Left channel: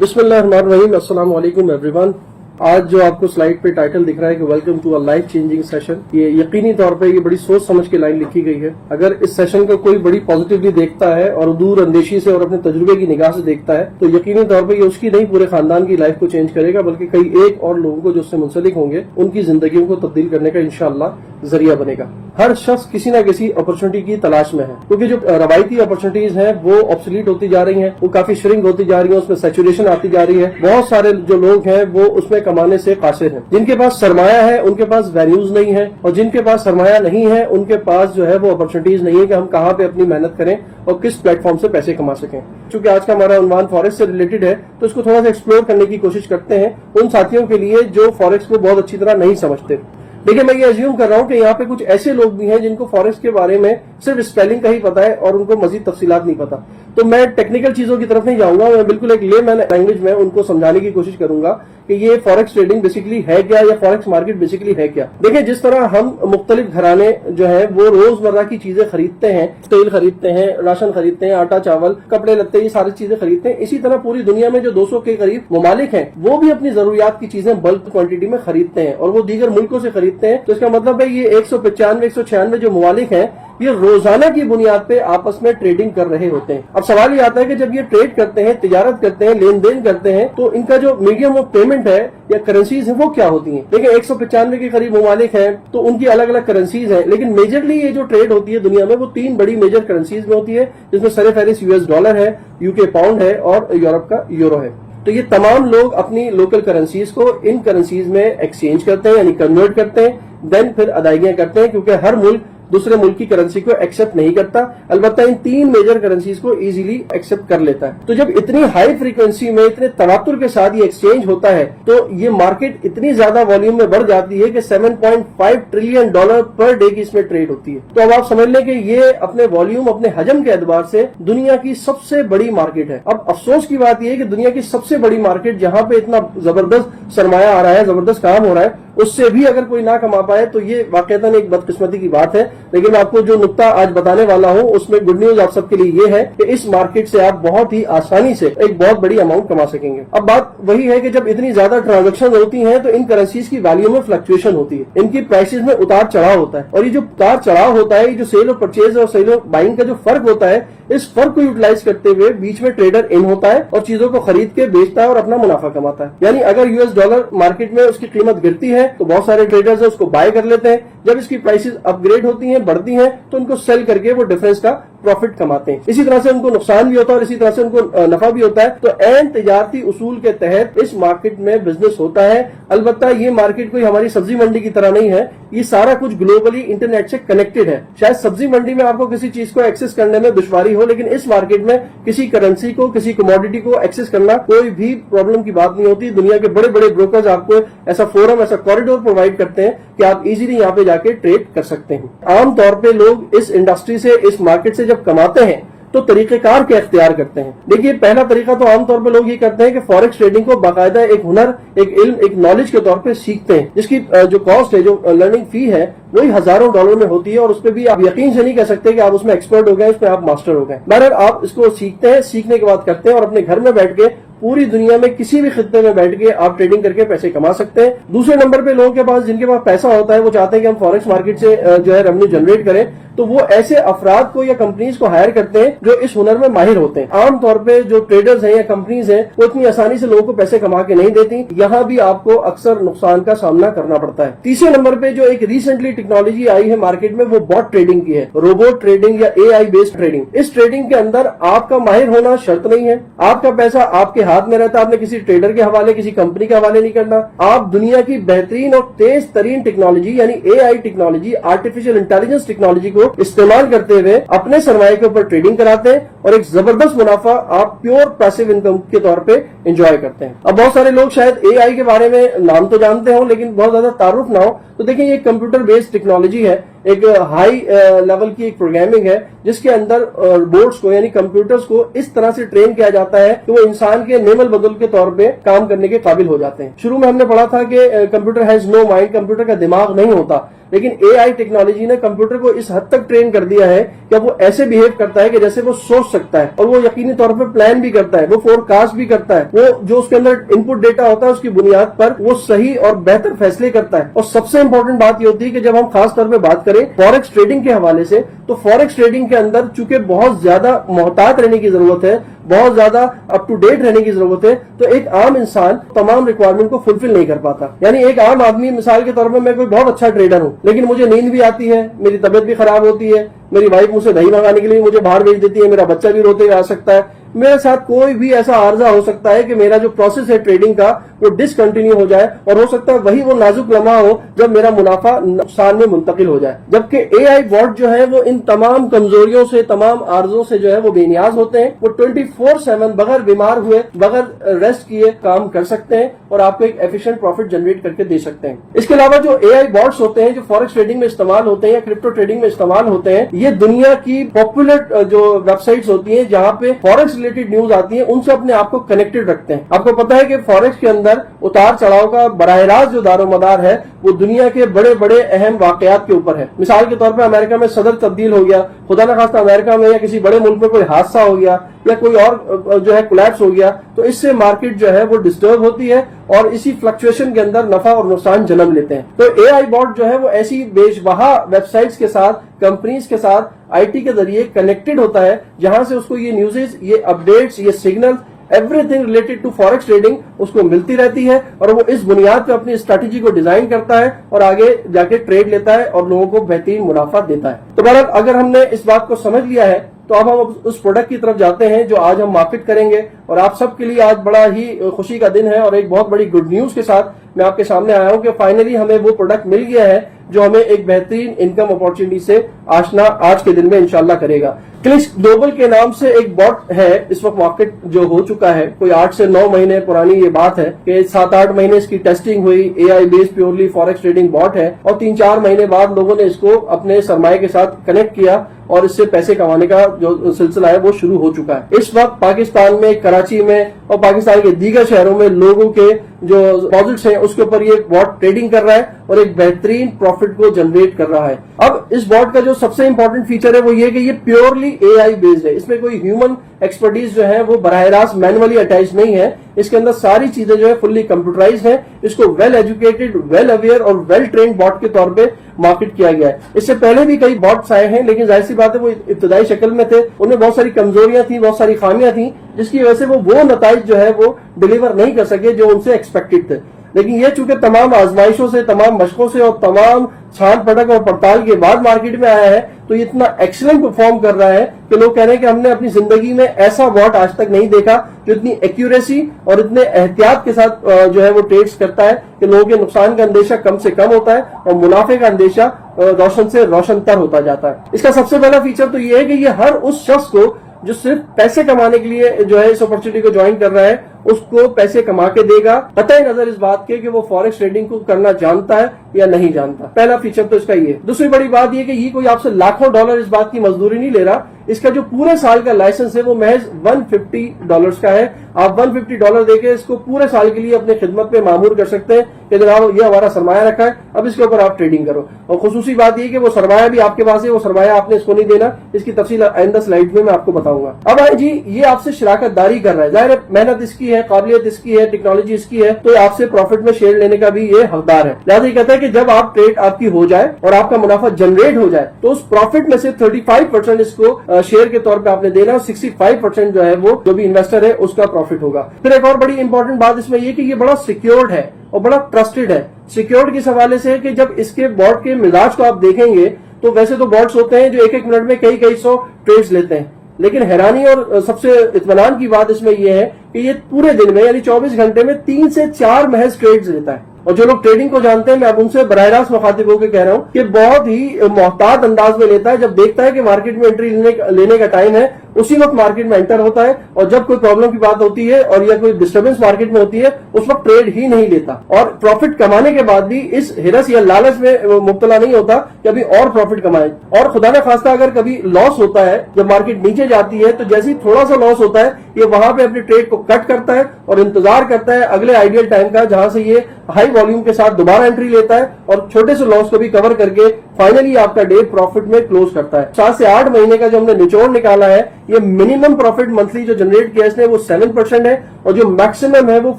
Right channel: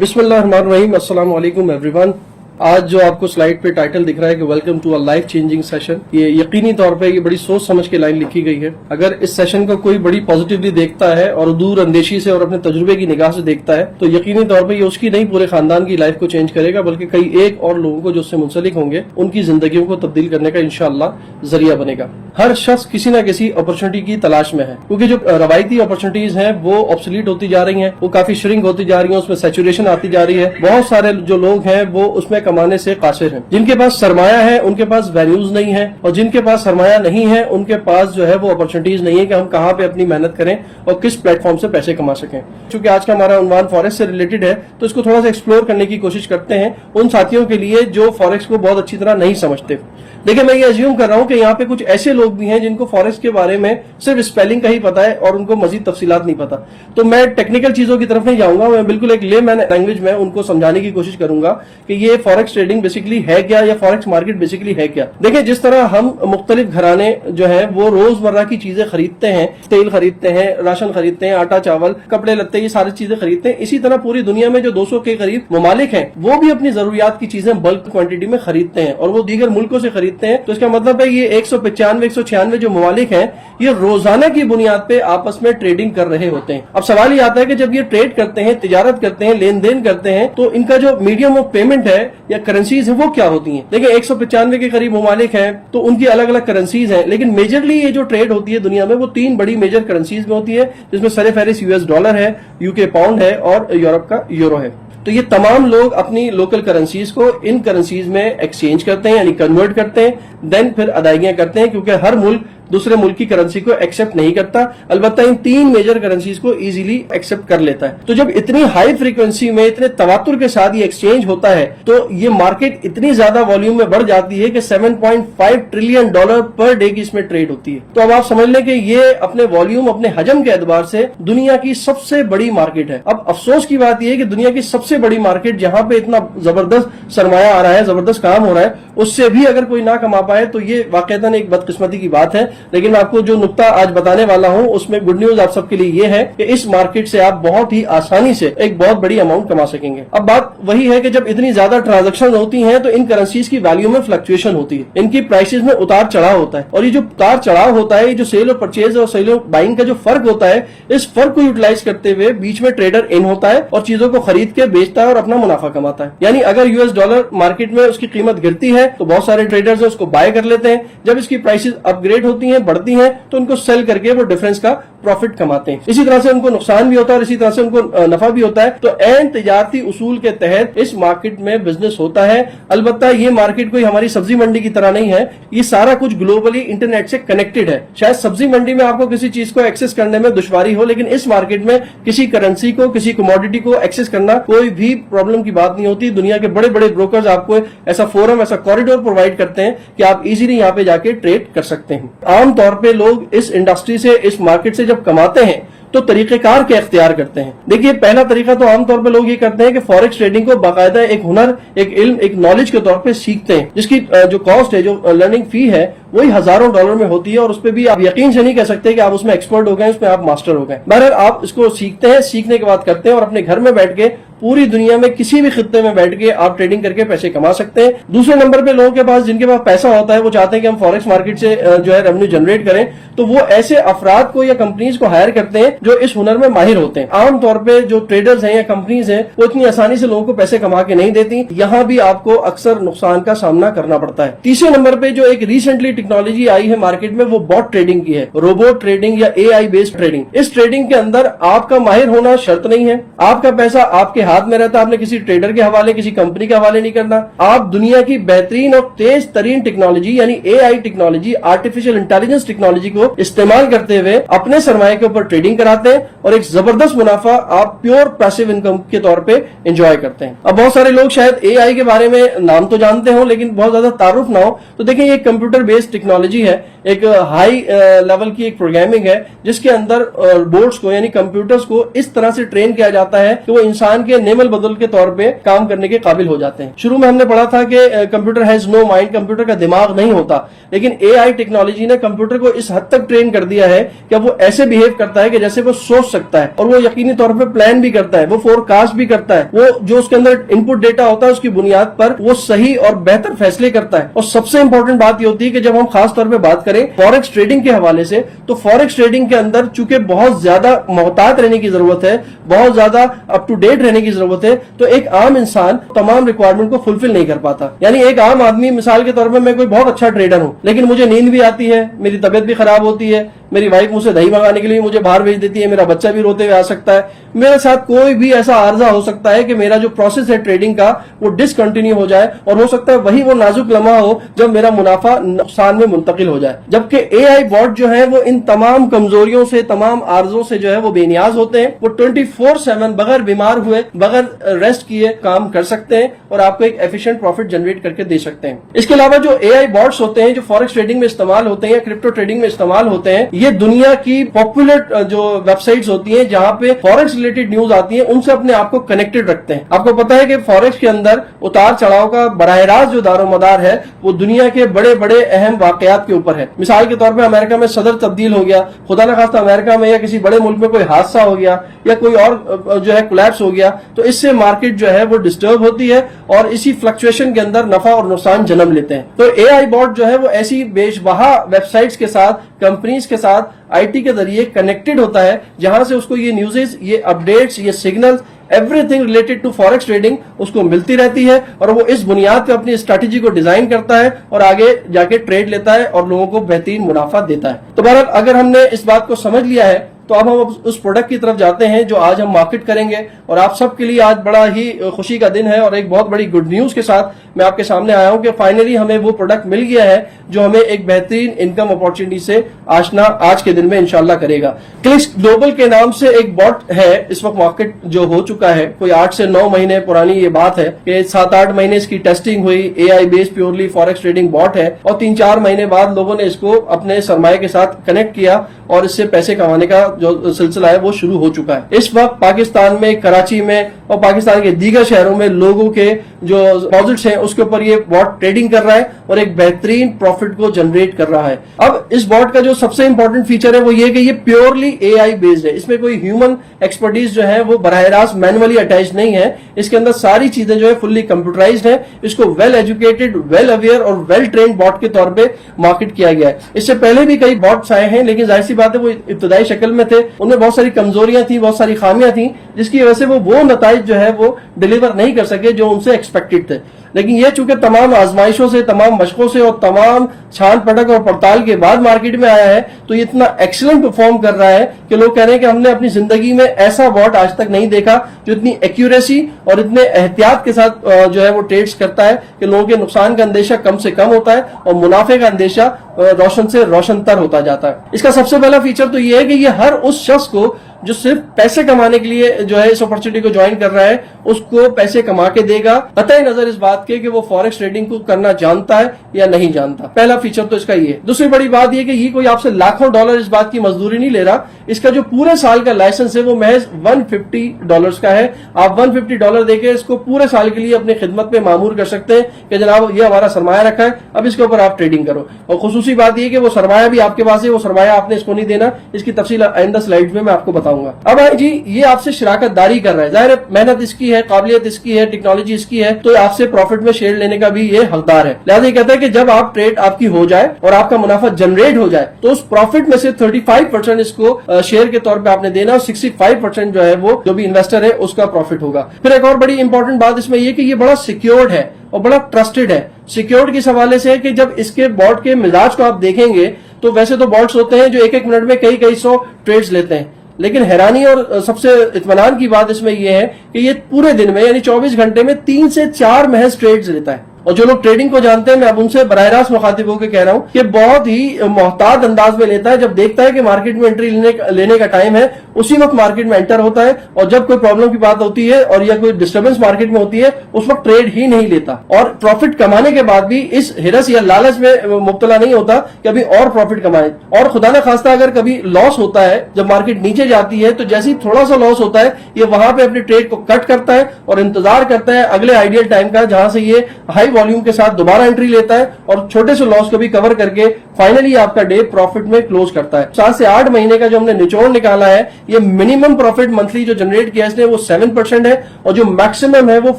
बिस्मिल्लाहिर्रहमानिर्रहीम, अस्सलाम वालेकुम एवरीवन। आज जो आपको स्लाइड पे टाइटल दिख रहा है कि welcome to a life changing session, ये यकीनी तौर पे ये बड़ी सोच समझ के लाइन लिखी गई है। अगर इस सेशन को कोई बड़ी पॉजिटिवली देखता है और दूर अंदेशी से और अपने तजुर्बे की निगाह से देखता है तो यकीनी तौर पे ये उसकी नहीं पूरे खानदान की लाइफ को चेंज करेगा, बल्कि कई एक और लोगों को जो उससे मुंसलिक होंगे उनकी जिंदगियों को तब्दील करने का इंशाअल्लाह जरिया बनेगा। हर शख्स किसी न किसी अपॉर्चुनिटी की तलाश में है, क्योंकि जो रवायती अपॉर्चुनिटीज हैं वो ऑब्सोलीट होती जा रही हैं, वो काफी श्रिंक होती जा रही है, उसमें सैचुरेशन आती जा रही है। बहुत सारे जो लोग हैं वो उसमें कमाने से कासिर हैं। जिनके पास सरमाया है उनके पास वैल्यूज नहीं है, और जिनके पास सरमाया नहीं है उनके पास जो है वो अपॉर्चुनिटीज नहीं है कि हम कहाँ पे अपनी मेहनत करें और किस प्लेटफॉर्म से पैसे कमा सकें। क्योंकि आज का हमारा उन्वान फॉरेक्स से रिलेटेड है तो इसको थोड़ा सा एक्सप्लोर करने की कोशिश करते हैं उन साथियोयों के लिए जो फॉरेक्स को बहुत अच्छी तरह नहीं समझते। देखिए, मैं ये अज्यूम कर रहा हूं कि यहाँ पे कुछ ऐसे लोग भी हैं जिनको फॉरेक्स के बारे में सिर्फ स्पेलिंग का ही पता है और उनको मजीद तफसीलात नहीं पता। तो मैं टेक्निकल चीजों की तरफ नहीं जाऊंगा, मैं बिल्कुल एक लेमैन लैंग्वेज में उनको समझाने की कोशिश करूंगा कि ये फॉरेक्स ट्रेडिंग बेसिकली है क्या या फॉरेक्स मार्केट बेसिकली है क्या। देखिए, जिस तरह हम मुख्तलिफ घराने जो है वो रोजमर्रा की चीजें खरीदते हैं, तेल खरीदते हैं, राशन खरीदते हैं, आटा चावल, कपड़े लत्ते, ये सारी चीजें खरीदते हैं। इसी तरह पूरी दुनिया में जो 200 के करीब ममालिक हैं वो भी अपनी जरूरियात की चीजें बल्क क्वांटिटी में खरीदते हैं और वो दीगर मुल्कों से खरीदते हैं। तो इसका मतलब ये 195 196 जो ममालिक हैं ये रोजाना की बुनियाद पे आपस में ट्रेडिंग कर रहे होते हैं। अब सवाल ये आता है कि जब ये ट्रेड करते हैं, तिजारत करते हैं, लेन देन करते हैं, तो इनका जो मीडियम ऑफ पेमेंट है या करेंसीज है वो क्या होती हैं। देखिए, 195 के करीब ममालिक हैं तो उनकी अलग अलग करेंसीज हैं, लेकिन मेजरली ये जो ट्रेड होती है दुनिया में वो 3 बड़ी मेजर करेंसीज में होती है, जिसमें सर-ए-फहरिस्त यूएस डॉलर है, यूके पाउंड है और यूरोप का यूरो है। तो ये तमाम लोग अपनी लोकल करेंसीज को इन करेंसीज में एक्सचेंज करते हैं, यानी कन्वर्ट करते हैं, देन फिर अदायगियां करते हैं, क्योंकि हर मुल्क दूसरे मुल्क की करेंसी को एक्सेप्ट नहीं करता, अलबत्ता इन 3 मेजर करेंसीज को इजीली एक्सेप्ट कर लेता है। तो जब इतनी हाई फ्रीक्वेंसी में इतने तवातुर के साथ ये एक्सचेंज होता है तो ये मार्केट इतनी ज्यादा वॉल्यूम में बढ़ जाती है कि $7.5 ट्रिलियन पर डे की इसमें ट्रेड होती है। तो अब आप समझ लें कि ये अपने वॉल्यूम, अपने हजम के एतबार से दुनिया की सबसे बड़ी मार्केट है। अब अफसोस की बात यह है कि दुनिया की सबसे बड़ी मार्केट जहां पे इतना जबरदस्त सरमाया आ रहा है, जबरदस्त काम हो रहा है, उससे भी अगर कोई ना कमा पाए तो ये वाकईतन एक बदकिस्मती की बात है। लेकिन आपको जो नुक्ता आज बताने वाला हूं उसमें गुड न्यूज आप सबके लिए ये है कि इस मार्केट से आप बहुत ही आसानी से एक बहुत बड़ी अमाउंट कमा सकेंगे। अब बात वही है कि जब इतनी ज्यादा ट्रांजैक्शन होती हैं तो इन करेंसीज की वैल्यू में फ्लक्चुएशन होती है, इनकी प्राइसेस में उतार चढ़ाव होता है, और ये जो उतार चढ़ाव होता है, ये जो सेल और परचेज और सेल और बाइंग का जो फर्क होता है, इस फर्क को यूटिलाइज करते हुए बीच में ट्रेडर इन होता है और चीजों को खरीद के बेचता है और अपना मुनाफा कमाता है। यानी अगर यूएस डॉलर मार्केट में उसकी कीमत गिरती है तो बहुत सारे ट्रेडर्स उसको बाय कर लेते हैं, जब इसकी प्राइसेस अपग्रेड होती हैं, बढ़ती हैं, तो उनको सेल करके वो डिफरेंस का प्रॉफिट कमाते हैं। इसी तरह से उनको नुकसान भी होता है और इसी तरह से उनको नफा भी होता है। तो एन तिजारती उसूल के तहत इस मार्केट में बिजनेस होता है। अलबत्ता ये मार्केट कोई हमारी सब्जी मंडी की तरह नहीं है, ये सारा कुछ ग्लोबली इंटरनेट से कनेक्टेड है। शायद सब्जी मंडी में आपको किसी चीज को एक्सेस करने में दुश्वारी हो, लेकिन इस मार्केट में किसी करेंसी को, किसी कमोडिटी को एक्सेस करना कोई भी प्रॉब्लम की बात नहीं होती। दुनिया के बड़े बड़े ब्रोकर्स आपको ऐसा फोरम, ऐसा कॉरिडोर प्रोवाइड करते हैं कि आप इजीली यहाँ पे जाके ट्रेड कर सकते हैं। आमतौर पर लोग इस इंडस्ट्री से, इस मार्केट से जब कमाते हैं तो तरीकेकार क्या इख्तियार करते हैं। देखिए, पहला तरीका तो आमतौर पे लोग ये करते हैं कि फॉरेक्स ट्रेडिंग को बाकायदा एक हुनर, एक इल्म, एक नॉलेज के तौर पे सीखते हैं, जिसकी जो कॉस्ट है, जो लर्निंग फी है, वही हजारों डॉलर में होती है और उस पर भी आप यकीन से नहीं कह सकते कि आप उसमें एक्सपर्ट हो गए, उसमें आप मास्टर हो गए। बहरहाल आप इसको सीखते हैं, सीखने के बाद करते हैं और अपने घर में बैठ के पूरी दुनिया में किसी भी खित्ते में बैठ के आप ट्रेडिंग करके पैसे कमा सकते हैं। दूसरे नंबर पे लोगों के पास, जिनके पास पैसा होता है, वो चाहते हैं कि हम फॉरेक्स मार्केट से जो है रेवेन्यू जनरेट करें, तो वो ऐसे अफराद को या कंपनीज को हायर करते हैं जो इस हुनर में माहिर होते हैं। आमतौर पे जो ट्रेडर्स हैं या कंपनीज हैं वो इतनी आसानी से लोगों को पैसे कमा के नहीं देती, यहाँ भी आपको अक्सर नुकसान का सामना करना पड़ता है। तीसरे नंबर पे जो एक रिसेंटली टेक्नोलॉजी आई है मार्केट में, वो बॉट ट्रेडिंग की है, रोबोट ट्रेडिंग या AI बेस्ड ट्रेडिंग। इस ट्रेडिंग के अंदर आपका माहिर होना शर्त नहीं है, आपका पैसा आपके हाथ में रहता है, आपने किसी ट्रेडर के हवाले, किसी कंपनी के हवाले नहीं करना। आप दुनिया की बेहतरीन और तेज तरीन टेक्नोलॉजी यानी AI technology, artificial intelligence technology को इस्तेमाल करते हुए अपने सरमाए के ऊपर ट्रेडिंग कराते हैं और एक जबरदस्त मुनाफा आप प्योर पैसिव इनकम के तौर पे एंजॉय करते हैं। अब बहुत सारे लोग शायद AI के बारे में नाम तो जानते हो लेकिन बहुत ज्यादा तारुफ ना हो, तो देखिए ये कंप्यूटर बेस्ड टेक्नोलॉजी है, एक हाई लेवल की एक प्रोग्रामिंग है जिसके अंदर बोर्ड्स को यानी कंप्यूटर्स को इस तरह से ट्रेन किया जाता है कि वो इंसान के नेमल बदल के तौर पे काम करने के काबिल हो जाते हैं। शुरू में हमने पढ़ा था कि computer has no mind, computer का दिमाग नहीं होता, लेकिन एआई टेक्नोलॉजी ने कंप्यूटर को इस हद तक ट्रेन कर दिया है कि अब वो ऐसे बिहेव करता है कि जैसे वो सोच सकता है, और वो यकीनी तौर पर प्लान भी करता है, वो फोरकास्ट भी करता है, वो जो उसके अंदर इनपुट डेटा होता है उसकी बुनियाद पर वो सही और बेहतर फैसले करता है। और सबसे इंपॉर्टेंट बात ये होती है कि जब हम खास तौर पे बात करें फॉरेक्स ट्रेडिंग के हवाले से, तो फॉरेक्स ट्रेडिंग के अंदर चूंकि बहुत ज्यादा मोहतात रहने की जरूरत है, बहुत ज्यादा अप टू डेट रहने की जरूरत है, तो एक आम इंसान तमाम रिक्वायरमेंट को फुलफिल नहीं कर पाता। यानी एक आम आदमी, मिसाल के तौर पर मैं कोई बहुत अच्छा ट्रेडर हूं, लेकिन मुझे नींद भी आती है, मेरी तबियत भी खराब होती है, मेरी वाइफ मुझसे दही मंगाने के लिए मुझे बाहर भेज देती है, मेरा बच्चा भी रोते हुए आ सकता है, मेरे साथ कोई भी ऐसा आर्जा हो सकता है कि मेरा जो प्रोसेस है ट्रेडिंग का वो डिसकंटिन्यू हो जाए, और हो सकता है वही वो नाजुक लम्हा हो जब मेरा मुनाफा नुकसान में मुंतकिल हो जाए। जबकि एआई बॉट जो है वो इन तमाम कमजोरियों से, तमाम आर्जों से जो है वो बेनियाज होते हैं। वो 24/7 बगैर बीमार हुए, बगैर रेस्ट किए काम कर सकते हैं और आपको एक एफिशिएंट प्रॉफिट जनरेट करके दे सकते हैं। इसके अलावा जो एआई बॉट्स होते हैं जो फॉरेक्स ट्रेडिंग में इस्तेमाल होते हैं या क्रिप्टो ट्रेडिंग में इस्तेमाल होते हैं, ये दुनिया की पॉपुलर जो वेबसाइट्स होती हैं जहां पे फॉरेक्स रिलेटेड न्यूज आती है उनसे अपने आप को कनेक्टेड रखते हैं। आपको पता है कि फॉरेक्स के अंदर उतार चढ़ाव का बराह रास्त जो दारोमदार है वो दुनिया के बड़े बड़े अहम वाकयात के ऊपर है। मिसाल के तौर पे अमेरिका में सदर तब्दील हो गया, खुदा न खास्ता अमेरिका में या किसी बड़े मुल्क में कोई हादसा हो गया या कोई और जो है कोलैप्स हो गया, तो इससे मार्केट जो है वो डिस्टर्ब होती है और इसी फ्लक्चुएशन के अंदर नफा और नुकसान जन्म लेते हैं। तो एआई बॉट जो है वो ऐसी बेशबहा वेबसाइट्स के साथ, कंपनीज के साथ आईटी के जरिए कनेक्टेड होता है, जहां से उसको ये न्यूज़ेस, ये अपडेट्स, ये signals, everything related to forex trading उसको मिलती रहती है, और वो इस बुनियाद पे अपनी स्ट्रैटेजी को डिजाइन करता है और आगे जाके ट्रेड लेता है और लोगों को बेहतरीन मुनाफा देता है। तो बहरहाल अगर हमने इस बात को समझ लिया है तो अब हम उस प्रोडक्ट की तरफ जाते हैं जो आज हम मार्केट करेंगे। और आप सबके लिए आज बड़ा ही खुशी का दिन है और एक बहुत बड़ी गुड न्यूज के साथ मैं आपके सामने आया हूं कि फाइनली हमें वो प्रोडक्ट मिल गया है जो हमें एक बेहतरीन इनकम अपॉर्चुनिटी से आशना आज के दिन में इंशाल्लाह करेगा। क्लिक्स ग्लोबल के नाम से एक बॉट है, इस वक्त मार्केट जो हो चुका है, कोई 8 से 9 महीने पुरानी ये बात है कि 7-8 महीने इसकी टेस्टिंग हुई। AI based purely forex trading bot है और 3-4 महीने बाद लोगों ने इसको अपने सरमाए के साथ कनेक्ट किया और इससे पैसे कमाने का जो सिलसिला है वो शुरू हो चुका है। इस वक्त पाकिस्तान में, कराची में और पाकिस्तान के दीगर शहरों में लोगों के जो डिपॉजिट्स हैं उसके ऊपर ये बॉट ट्रेडिंग कर रहा है और एक बेहतरीन प्रॉफिट को जनरेट कर रहा है। अब इस बॉट का जो सबसे इंपॉर्टेंट फीचर है वो ये कि ये प्योरली एआई बेस्ड है। इसमें कोई ह्यूमन एक्सपर्टीज जो है वो बराह रास्त मैनुअली अटैच नहीं है। इसके अंदर सारी चीजें जो है फुल्ली कंप्यूटराइज्ड है। इसको वेल एजुकेटेड, वेल अवेयर और वेल ट्रेन्ड बॉट के तौर पे मार्केट किया गया है। इससे पहले भी कई बॉट्स आए हैं, लेकिन जाहिर सी बात है वो इब्तदाई शक्ल में थे, उनमें बहुत सारी कमजोरियां थी, बहुत सारी खामियां थी, जिसकी वजह से वो नताइज जो है वो डिलीवर नहीं कर सके जो उनसे एक्सपेक्टेड थे। लेकिन ये चूंकि तमाम आजमाइशों से, तमाम मशकों से और तमाम छान पटक और पड़ताल के बाद मार्केट में आया है, तो ये इतना एक्सीलेंट परफॉर्म कर रहा है कि लोग कह रहे हैं कि हमने अपनी जिंदगी में ऐसा बॉट आज तक नहीं देखा जो इतनी एक्यूरेसी और इतने एहतियात के साथ जो है वो ट्रेड्स करता है कि लोगों के नुकसान का अंदेशा कम से कम होता है और मुनाफे का अंदेशा रोशन से रोशनतर होता जाता है। इसका सबसे पहला फीचर तो ये है कि ये हर उस शख्स को जो सिर्फ पैसे कमाने के लिए जो है इस अपॉर्चुनिटी को ज्वाइन कर रहा है उसको पैसे कमा के देगा, कतई नजर इस बात के कि वो फॉरेक्स ट्रेडिंग को करना जानता है या नहीं जानता। पहला फीचर तो इसका ये। दूसरी बड़ी बात ये कि ये कोई आपसे लाखों डॉलर इस बात की मजदूरी नहीं ले रहा। इसका जो पूरे साल का लाइसेंस है वो महज $150 का है। आप $150 देके इसको पूरे साल के लिए अपनी खिदमत में मामूर कर सकते हैं कि जनाब ये हमारा सरमाया रखा है, अब इसके ऊपर आप ट्रेडिंग करो। और खुसूसी बात ये कि वो सरमाया भी आपके पास है, वो सरमाया आपने इसको नहीं देना। इसकी तफसील आइंदा स्लाइड में मैं आपको बताऊंगा। अब है जी, ये आपसे शराकत दारी कर रहा है, जाहिर है मेहनत इसकी है, काबिलियत इसकी है, टेक्नोलॉजी इसकी है, तो आपसे प्रॉफिट में शेयर लेने का भी ये हकदार है। लिहाजा ये कहता है कि जब आप ट्रेड आपकी हो जाए और आपका मुनाफा जनरेट हो जाए तो उस प्रॉफिट में से 35% इसको शेयर के तौर पे आपने देना और 65% जो है वो जो भी इन्वेस्टर है उसका प्रॉफिट होगा। फिर एक और बड़ी इंपॉर्टेंट बात इसमें ये कि ये बड़ा सिक्योर्ड है और बड़ा ट्रस्टेड है। सिक्योर्ड किस हवाले से है कि जब इसके बॉट के मिजाज को आप देखेंगे तो वैसे तो बॉट्स होते हैं जो एक मिनट में कई सौ ट्रेड्स लेते हैं, लेकिन हैरानी और सबसे इत्मीनान की बात इसमें यह है कि ये पूरे दिन में यानी 24 घंटे में 3 से 4 महज ट्रेड्स लेता है। اور जो लोग ट्रेडिंग को जानते हैं, मैं अब उनसे बराह रास्त मुखातिब होकर कह रहा हूं कि बहुत ही मोहतात अंदाज में लेता है। जब देखता है कि मार्केट में एंट्री लेने का टाइम है, उसी वक्त मार्केट में एंटर होता है, और जब कोई प्रॉब्लम की बात होती है और या कोई डिस्टर्बेंस मार्केट में होती है, उस वक्त ट्रेड ही नहीं लेता, और प्रॉफिट कमाने के बाद भी इस हिरस या लालच में मुब्तला नहीं होता कि अभी और प्रॉफिट कमाए। और खुदा न खास्ता अगर कभी लॉस होता है, जब मार्केट नीचे जाती है, तो जैसे ही थोड़ा सा लॉस होता है, ये वहां पे अपने ट्रेड को कट करता है और इंतजार करता है अगले आइडियल टाइम का, जहां से ये हाई वॉल्यूम के साथ दोबारा एंट्री लेता है और छोटे से लॉस को भी कवर करके फाइनली आपका डे प्रॉफिट में क्लोज करता है। 7 से 8 महीने का जो हमने निचोड़ निकाला है, ये मिनिमम प्रॉफिट मंथली जो जनरेट किया इसने वो 7% है, और जो मैक्सिमम है वो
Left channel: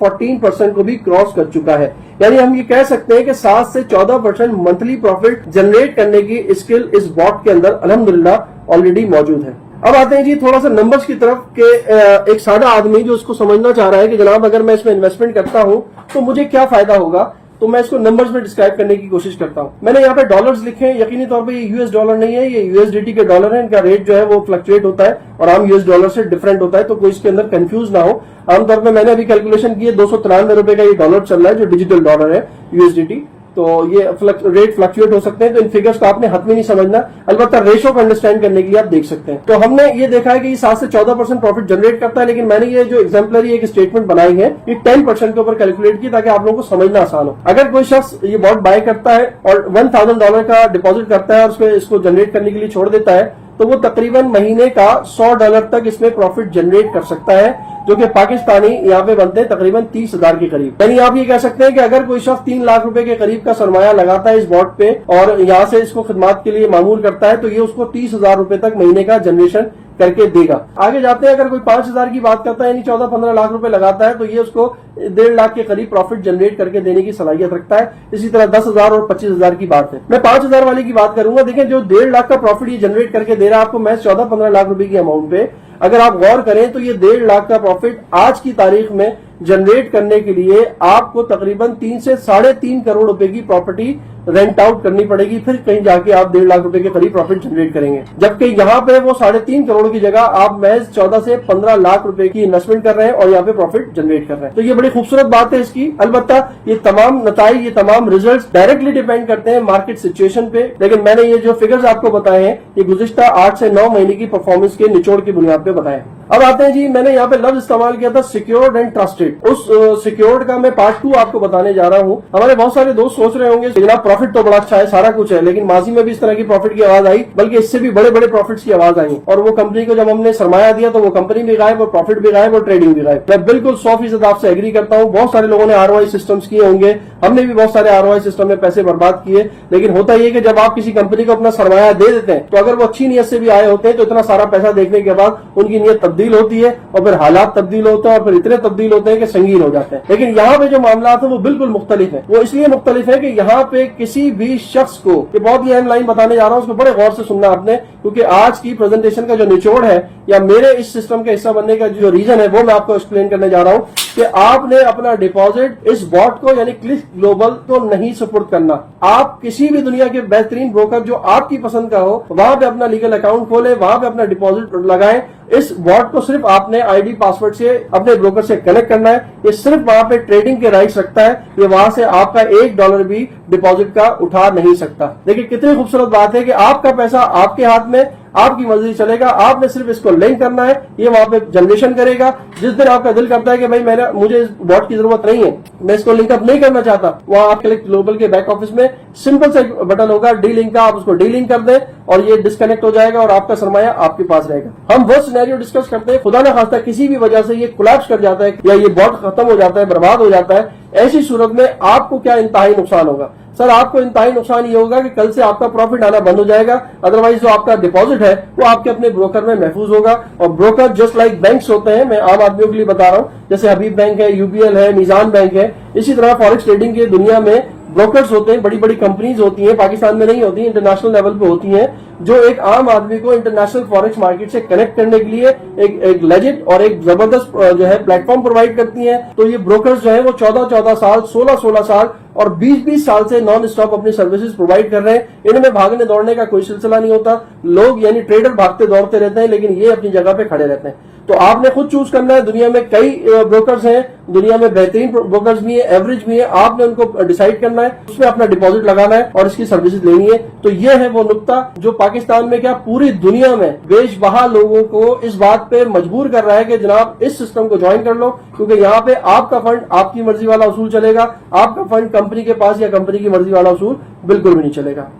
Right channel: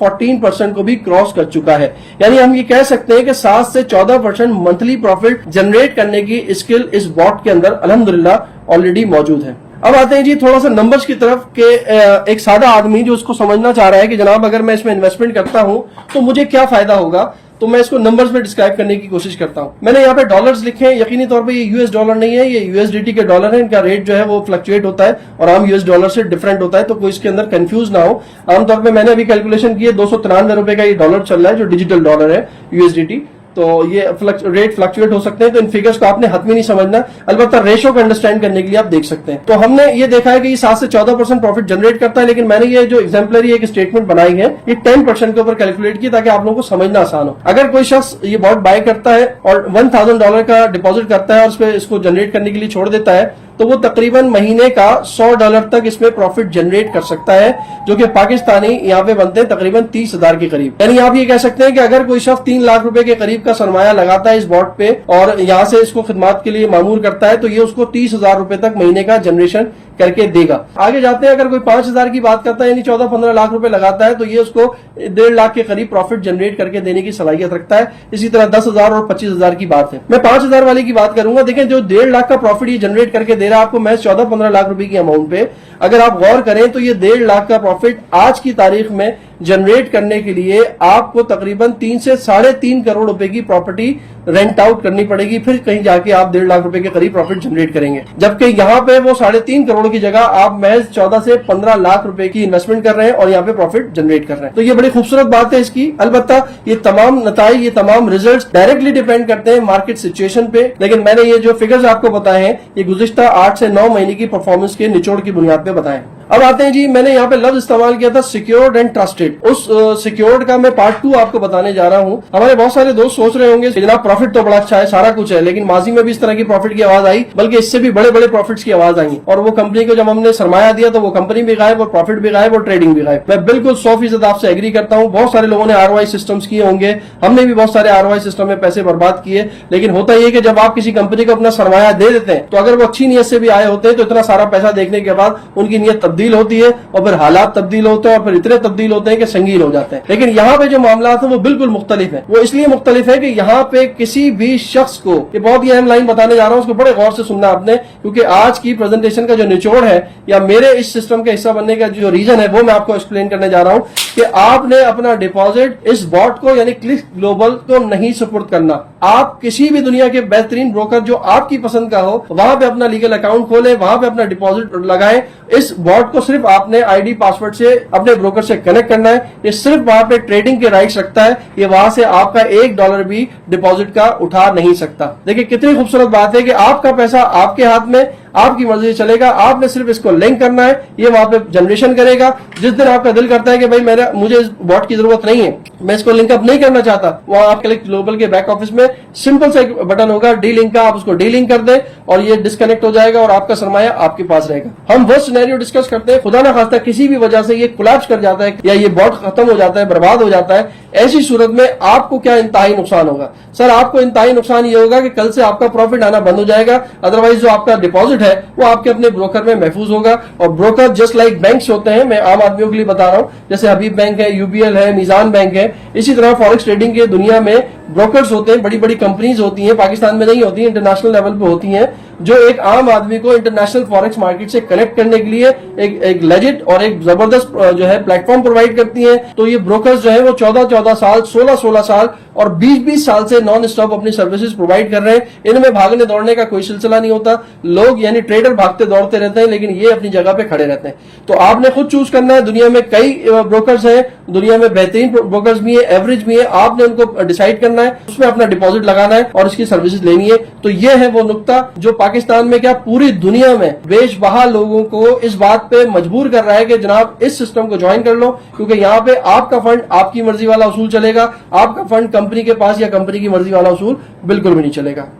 14% को भी क्रॉस कर चुका है। यानी हम ये कह सकते हैं कि 7 से 14% मंथली प्रॉफिट जनरेट करने की स्किल इस बॉट के अंदर अल्हम्दुलिल्लाह ऑलरेडी मौजूद है। अब आते हैं जी थोड़ा सा नंबर्स की तरफ के एक सादा आदमी जो उसको समझना चाह रहा है कि जनाब अगर मैं इसमें इन्वेस्टमेंट करता हूं तो मुझे क्या फायदा होगा, तो मैं इसको नंबर्स में डिस्क्राइब करने की कोशिश करता हूं। मैंने यहाँ पे डॉलर्स लिखे हैं, यकीनी तौर पे ये यूएस डॉलर नहीं है, ये यूएसडीटी के डॉलर है। इनका रेट जो है वो फ्लक्चुएट होता है और आम यूएस डॉलर से डिफरेंट होता है, तो कोई इसके अंदर कंफ्यूज ना हो। आमतौर पे मैंने अभी कैलकुलेशन की है, 293 रुपए का ये डॉलर चल रहा है जो डिजिटल डॉलर है यूएसडीटी। तो ये रेट फ्लक्चुएट हो सकते हैं, तो इन फिगर्स को आपने हद में नहीं समझना, अलबत्ता रेशो को अंडरस्टैंड करने के लिए आप देख सकते हैं। तो हमने ये देखा है कि ये 7 से 14% प्रॉफिट जनरेट करता है, लेकिन मैंने ये जो एग्जाम्पलरी एक स्टेटमेंट बनाई है, ये 10% के ऊपर कैलकुलेट की ताकि आप लोगों को समझना आसान हो। अगर कोई शख्स ये बॉट बाय करता है और $1000 का डिपॉजिट करता है और उसपे इसको जनरेट करने के लिए छोड़ देता है, तो वो तकरीबन महीने का $100 तक इसमें प्रॉफिट जनरेट कर सकता है, जो कि पाकिस्तानी यहाँ पे बनते हैं तकरीबन 30,000 के करीब। यानी आप ये कह सकते हैं कि अगर कोई शख्स 3 लाख रुपए के करीब का सरमाया लगाता है इस बॉट पे और यहाँ से इसको खिदमत के लिए मामूर करता है, तो ये उसको 30,000 रुपए तक महीने का जनरेशन करके देगा। आगे जाते हैं, अगर कोई 5,000 की बात करता है यानी 14-15 लाख रुपए लगाता है, तो ये उसको 1.5 लाख के करीब प्रॉफिट जनरेट करके देने की सलाहियत रखता है। इसी तरह 10,000 और 25,000 की बात है। मैं 5,000 वाले की बात करूंगा। देखें, जो 1.5 लाख का प्रॉफिट ये जनरेट करके दे रहा है आपको महज 14-15 लाख रुपए की अमाउंट पे, अगर आप गौर करें तो ये 1.5 लाख का प्रॉफिट आज की तारीख में जनरेट करने के लिए आपको तकरीबन 3 से 3.5 करोड़ रुपए की प्रॉपर्टी रेंट आउट करनी पड़ेगी, फिर कहीं जाके आप 1.5 लाख रुपए के करीब प्रॉफिट जनरेट करेंगे। जबकि यहाँ पे वो 3.5 करोड़ की जगह आप महज 14 से 15 लाख रुपए की इन्वेस्टमेंट कर रहे हैं और यहाँ पे प्रॉफिट जनरेट कर रहे हैं। तो ये बड़ी खूबसूरत बात है इसकी। अलबत्ता ये तमाम नताइज, ये तमाम रिजल्ट डायरेक्टली डिपेंड करते हैं मार्केट सिचुएशन पे, लेकिन मैंने ये जो फिगर्स आपको बताए हैं ये गुज़िश्ता 8 से 9 महीने की परफॉर्मेंस के निचोड़ की बुनियाद पे बताए। अब आते हैं जी, मैंने यहाँ पे लफ्ज इस्तेमाल किया था सिक्योर्ड एंड ट्रस्टेड। उस सिक्योर्ड का मैं पार्ट 2 आपको बताने जा रहा हूँ। हमारे बहुत सारे दोस्त सोच रहे होंगे जनाब प्रॉफिट तो बड़ा अच्छा है, सारा कुछ है, लेकिन माजी में भी इस तरह की प्रॉफिट की आवाज आई, बल्कि इससे भी बड़े बड़े प्रॉफिट्स की आवाज आई, और वो कंपनी को जब हमने सरमाया दिया तो वो कंपनी भी गायब और प्रॉफिट भी गायब और ट्रेडिंग भी गायब। मैं बिल्कुल 100% आपसे एग्री करता हूँ। बहुत सारे लोगों ने ROI सिस्टम्स किए होंगे, हमने भी बहुत सारे ROI सिस्टम में पैसे बर्बाद किए, लेकिन होता यह कि जब आप किसी कंपनी को अपना सरमाया दे देते हैं, तो अगर वो अच्छी नीयत से भी आए होते हैं तो इतना सारा पैसा देखने के बाद उनकी नीयत तब्दील होती है और फिर हालात तब्दील होते हैं और फिर इतने तब्दील होते हैं कि संगीन हो जाते हैं। लेकिन यहाँ पे जो मामला है वो बिल्कुल मुख्तलिफ है। वो इसलिए मुख्तलिफ है कि यहाँ पे किसी भी शख्स को, ये बहुत ही अहम लाइन बताने जा रहा हूँ, उसको बड़े गौर से सुनना आपने, क्योंकि आज की प्रेजेंटेशन का जो निचोड़ है या मेरे इस सिस्टम का हिस्सा बनने का जो रीजन है वो मैं आपको एक्सप्लेन करने जा रहा हूँ कि आपने अपना डिपॉजिट इस बॉट को यानी क्लिक ग्लोबल को नहीं सुपुर्द करना। आप किसी भी दुनिया के बेहतरीन ब्रोकर जो आपकी पसंद का हो वहां पे अपना लीगल अकाउंट खोलें, वहां पे अपना डिपॉजिट लगाएं। इस बॉट को सिर्फ आपने आईडी पासवर्ड से अपने ब्रोकर से कनेक्ट करना है। ये सिर्फ वहां पे ट्रेडिंग के राइट्स रखता है, ये वहां से आपका $1 भी डिपॉजिट का उठा नहीं सकता। देखिए कितनी खूबसूरत बात है कि आपका पैसा आपके हाथ में, आपकी मर्जी से चलेगा, आपने सिर्फ इसको लिंक करना है, ये वहां पे जनरेशन करेगा। जिस दिन आपका दिल करता है कि भाई मुझे इस बॉट की जरूरत नहीं है, मैं इसको लिंक अप नहीं करना चाहता, वहां आपके लिए ग्लोबल के बैक ऑफिस में सिंपल सा एक बटन होगा डी लिंक का, आप उसको डी लिंक कर दें और ये डिस्कनेक्ट हो जाएगा और आपका सरमाया आपके पास रहेगा। हम वो सिनेरियो डिस्कस करते हैं, खुदा ना खास्ता किसी भी वजह से ये कोलैप्स कर जाता है या ये बॉट खत्म हो जाता है, बर्बाद हो जाता है, ऐसी सूरत में आपको क्या इंतहाई नुकसान होगा? सर आपको इंतहाई नुकसान ये होगा कि कल से आपका प्रॉफिट आना बंद हो जाएगा। अदरवाइज जो आपका डिपॉजिट है वो आपके अपने ब्रोकर में महफूज होगा। और ब्रोकर जस्ट लाइक बैंक्स होते हैं, मैं आम आदमियों के लिए बता रहा हूं, जैसे हबीब बैंक है, UBL है, निजाम बैंक है, इसी तरह फॉरेक्स ट्रेडिंग की दुनिया में ब्रोकर्स होते हैं, बड़ी बड़ी कंपनीज होती हैं, पाकिस्तान में नहीं होती, इंटरनेशनल लेवल पे होती हैं, जो एक आम आदमी को इंटरनेशनल फॉरेक्स मार्केट से कनेक्ट करने के लिए एक लेजिट और एक जबरदस्त जो है प्लेटफॉर्म प्रोवाइड करती हैं। तो ये ब्रोकर्स जो है वो 14-14 साल, 16-16 साल और 20-20 साल से नॉन स्टॉप अपनी सर्विसेज प्रोवाइड कर रहे हैं। इनमें भागने दौड़ने का कोई सिलसिला नहीं होता। लोग यानी ट्रेडर भागते दौड़ते रहते हैं, लेकिन ये अपनी जगह पे खड़े रहते हैं। तो आपने खुद चूज करना है। दुनिया में कई ब्रोकर्स हैं, दुनिया में बेहतरीन ब्रोकर्स भी हैं, एवरेज भी हैं। आपने उनको डिसाइड करना है, उसमें अपना डिपॉजिट लगाना है और इसकी सर्विसेज लेनी है। तो ये है वो नुक्ता जो पाकिस्तान में क्या पूरी दुनिया में बेशबहा लोगों को इस बात पे मजबूर कर रहा है कि जनाब इस सिस्टम को ज्वाइन कर लो, क्योंकि यहाँ पे आपका फंड आपकी मर्जी वाला उसूल चलेगा, आपका फंड कंपनी के पास या कंपनी की मर्जी वाला उसूल बिल्कुल भी नहीं चलेगा।